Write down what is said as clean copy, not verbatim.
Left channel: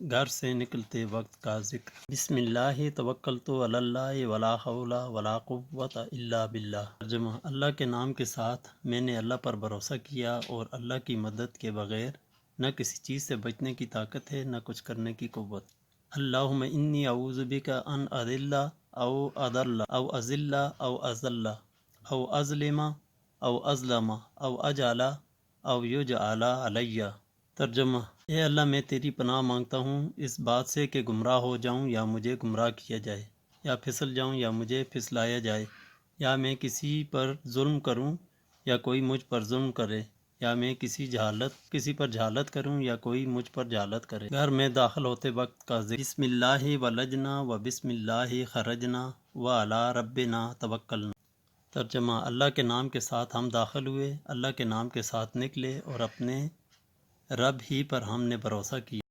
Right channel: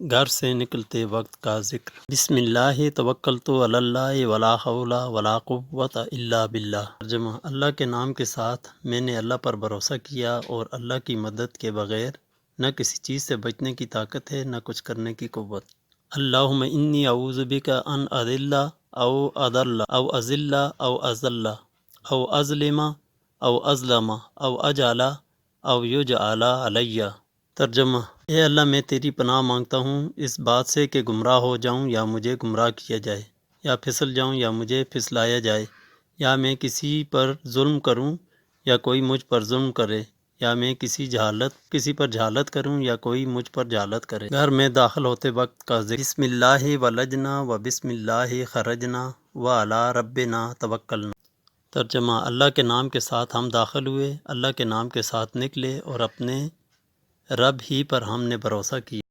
घर से निकलते वक्त का ज़िक्र। बिस्मिल्लाहि तवक्कलतु अलल्लाहि वला हौला वला कुव्वता इल्ला बिल्लाह। तर्जुमा, अल्लाह के नाम के साथ मैंने अल्लाह पर भरोसा किया और अल्लाह की मदद के बग़ैर न किसी चीज़ से बचने की ताकत है न कुछ करने की क़ुव्वत। अल्लाहुम्मा इन्नी अऊज़ु बिका अन अज़िल्ला औ अज़ल्ला औ अज़िल्ला औ अज़ल्ला औ अज़लिमा औ अज़लमा औ अजअला औ युजअला अलैया। तर्जुमा, ए अल्लाह, मैं तेरी पनाह मांगता हूँ इस बात से कि गुमराह हो जाऊँ या मुझे गुमराह किया जाए, या फिसल जाऊँ या मुझे फिसलाया जाए, या मैं किसी पर जुल्म करूँ या कोई मुझ पर जुल्म करे, या मैं किसी पर जहालत करूँ या कोई मुझ पर जहालत करे। घर में दाखिल होते वक्त का ज़िक्र। बिस्मिल्लाहि वलजना व बिस्मिल्लाहि खरजना व अला रब्बिना तवक्कलना। तर्जुमा, अल्लाह के नाम के साथ हम दाखिल हुए, अल्लाह के नाम के साथ निकले और अपने रब ही पर हमने भरोसा किया।